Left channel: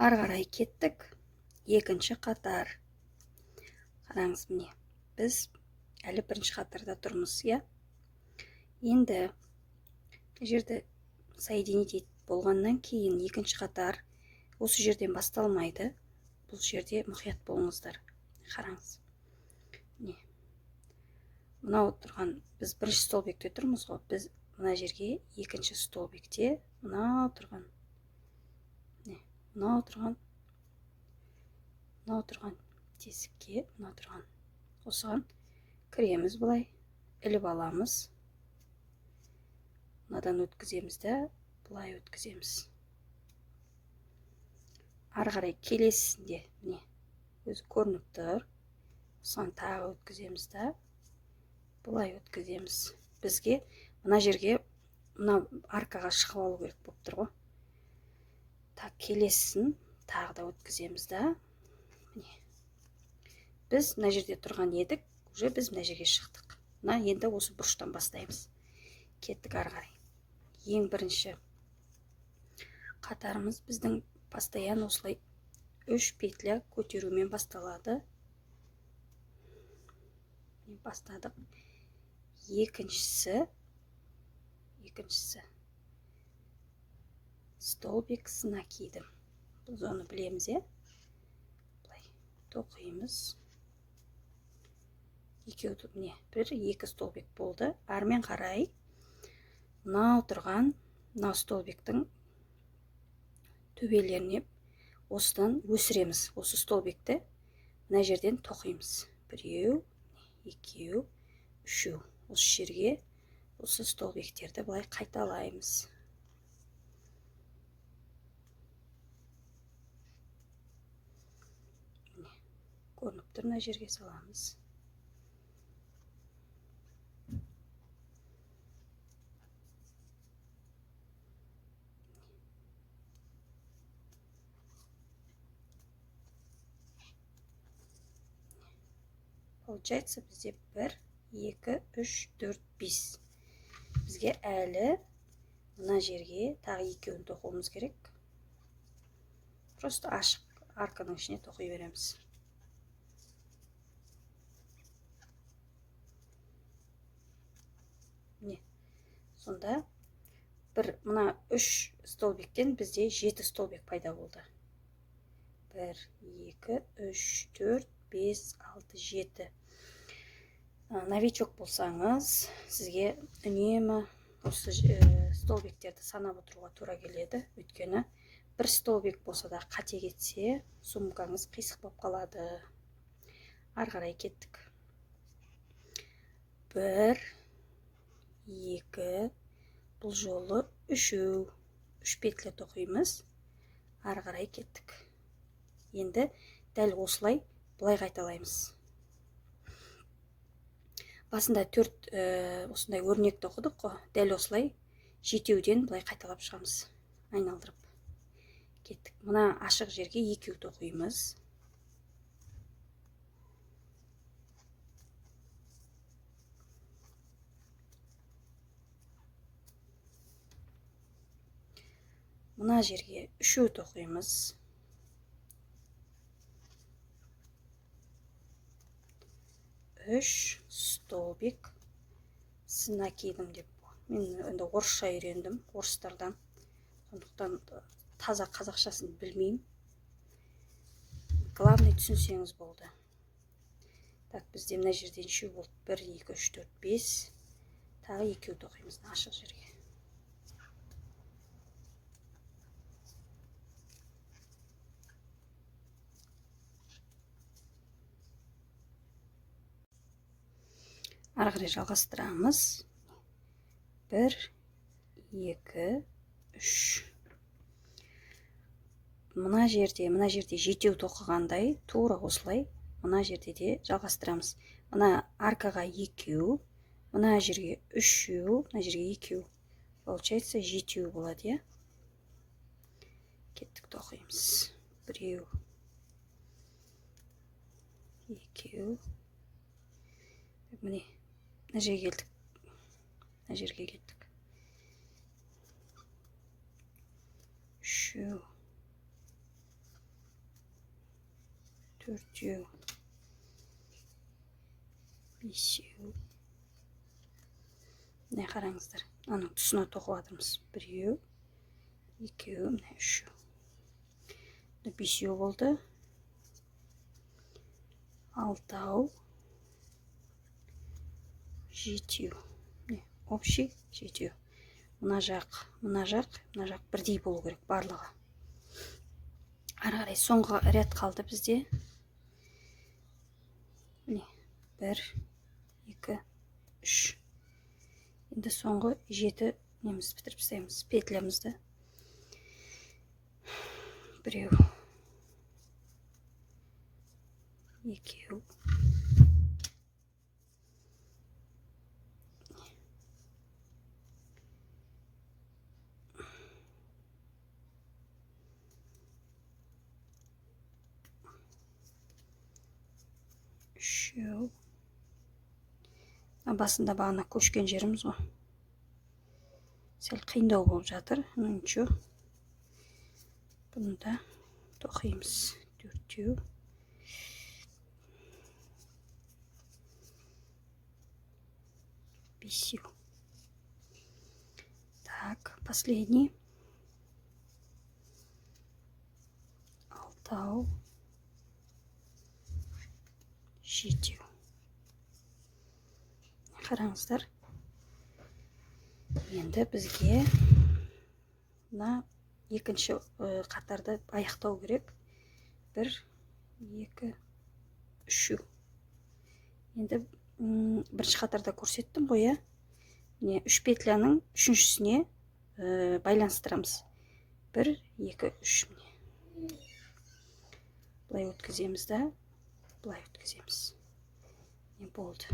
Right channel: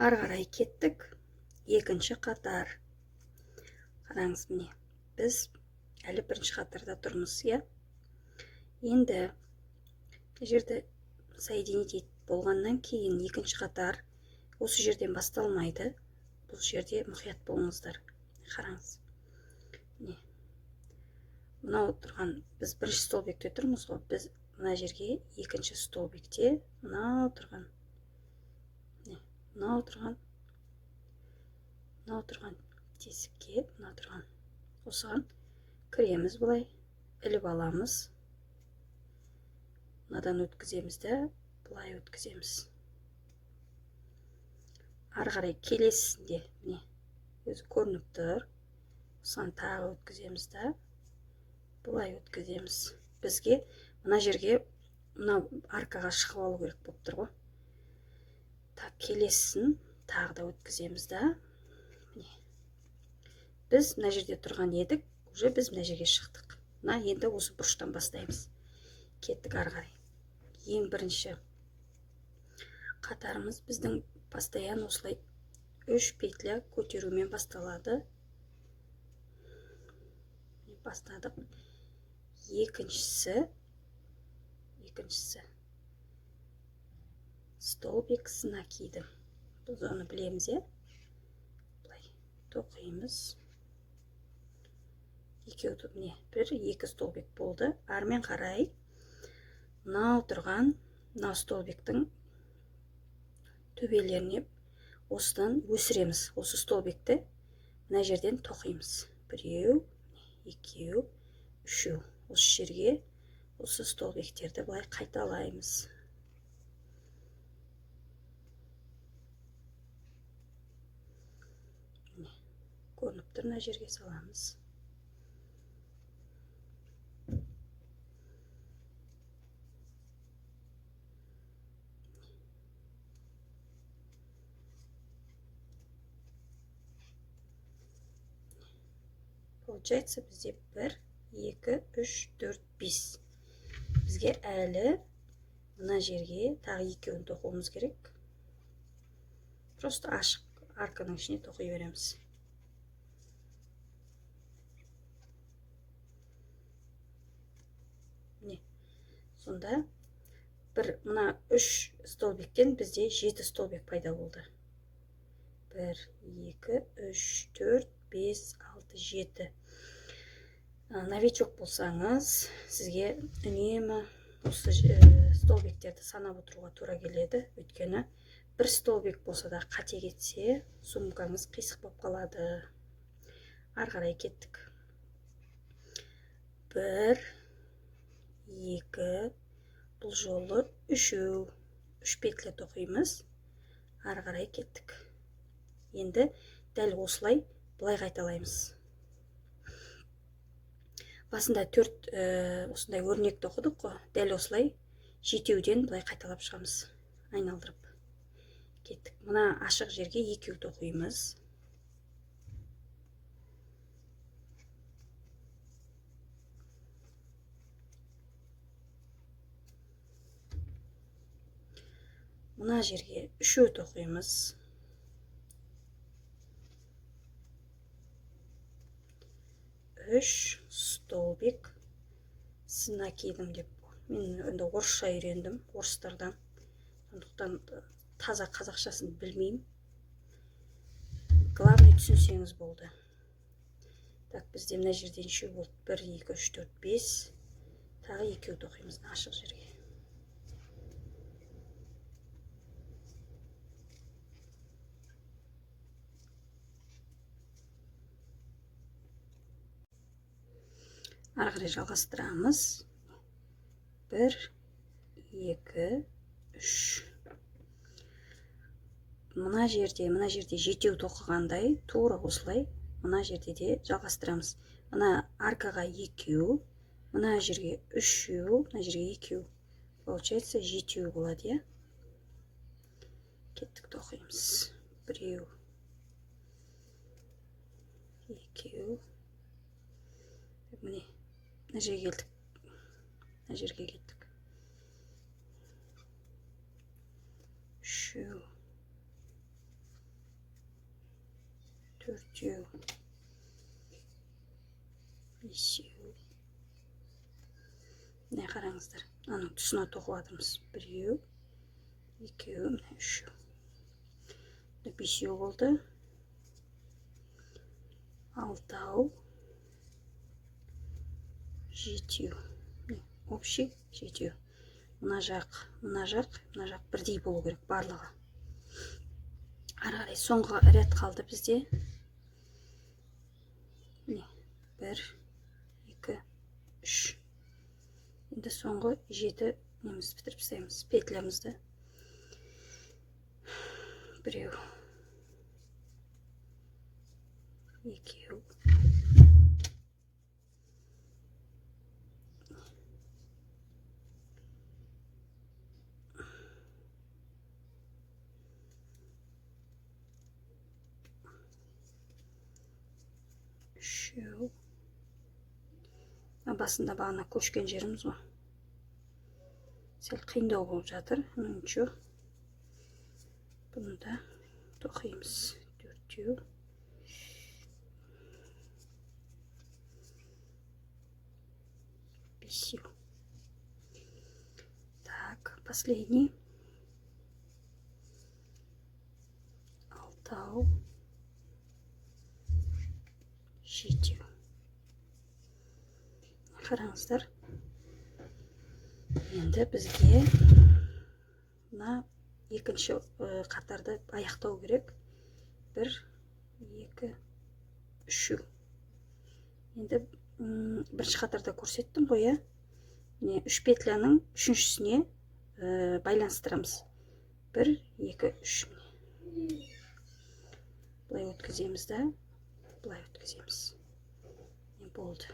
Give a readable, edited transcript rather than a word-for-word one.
Ары қарай кеттік. Екінші қатар. Қараңыз, міне. Біз әлі бірінші қатарда тұрмыз, иә? Енді жерді соединить болғаннан кейін екінші қатар осы жерден басталмайды. Бұл жерде мұқият болыңыздар. Қараңыз. Міне. Мынау тұрған, біз бірінші столбикте тұрмыз ғой. Біз мына жерге екінші столбикте мынау тұрған. Мынау тұрған тесікке, мынау тұрған қосыған кіреміз былай, іліп аламыз. Мынадан өткіземіз де, былай өткіземіз. Ары қарай келесінде, міне, өзі көрініп тұр. Осыған тағы өткіземіз де, былай өткіземіз. Бізге мына жерге, мына аркаға шығып алу керек болып тұр ғой. Так, келесін тағы да өткіземіз де. Біз мына жерде тұрған едік, уже біз мына жерге шықтық. Мына енді осы бұрыштан бастаймыз. Кеттік ары қарай. Ең бірінші қатарымыз біздің постоянно осылай 3 петля көтерумен басталады. Бастадық. Екіншісі столбик с накидом. Біз оны білеміз, е? Былай тоқимыз. Міне, екі столбик болды. Армен қарай мынау тұрған, мынау столбиктің төбелеріне осыдан өсіреміз. Осы столбикті мына жерден тоқимыз. Біреу, екеу, үшеу. Осы жерге осы столбиктерді былай қайталаймыз. Көрініп тұр, мына жерге саламыз. Получается, бізде 1, 2, 3, 4, 5. Бізге әлі мына жерге тағы екеуін тоқуымыз керек. Просто ашық арканың ішіне тоқи береміз. Міне, сонда мына 3 столбиктен бізде 7 столбик пайда болды. 1, 2, 3, 4, 5, 6, 7. Новичок болсаңыз, сізге үнемі осы столбиктерді санап отыруға тура келеді. Өйткені бір столбик болса да қате кетсе, сумкаңыз қисық болып қалады. Ары қарай кеттік. 1, 2, бұл жолы 3 петля тоқимыз. Ары қарай кеттік. Енді дәл осылай былай қайталаймыз. Басында 4 осындай өрнекті оқыдық қой. Дәл осылай 7-ден былай қайталап шығамыз. Айналдырып. Кеттік. Мына ашық жерге 2 тоқимыз. Мына жерге 3 тоқимыз. 3 столбик с накидом деп. Мен енді орысша үйрендім, орыстардан. Сондықтан таза қазақшасын білмеймін. Главный түсінсеңіз болды. Так, бізде мына жерден 3 болды. 1, 2, 3, 4, 5. Тағы 2 тоқимыз ашық жерге. Ары қарай жалғастырамыз. 1, 2, 3. Мына жерде 7 тоқығандай, тура осылай, мына жерде де жалғастырамыз. Мына аркаға 2, мына жерге 3, мына жерге 2. Получается 7 болады, е? Кеттік тоқимыз. 1, 2. Міне, мына жерге келдік. Мына жерге келдік. 3. төртеу, бесеу. Міне қараңыздар, аның тұсына тоқып жатырмыз. Біреу, екеу, міне үшеу. Бесеу болды. Алтау, жетеу. Общий жетеу. Мына жақ бірдей болу керек барлығы. Ары қарай соңғы ряд қалды бізде. Міне, 1, 2, 3. Енді соңғы 7 неміз бітіріп тастаймыз. Петлямызды. Біреу, екеу, үшеу. Басында бағана көшкен жеріміз ғой. Сәл қиындау болып жатыр. Ничего. Бұны да тоқимыз. Төртеу. Бесеу. Так, последний. Алтау. Жетеу. Қараңыздар. Енді бізге мына екінші қатарды аяқтау керек. 1, 2, 3. Енді бірінші қатарда көрсеттім ғой. Міне 3 петляның үшіншісіне байланыстырамыз. 1, 2, 3. Бұлай өткіземіз да, бұлай өткіземіз. Не болды?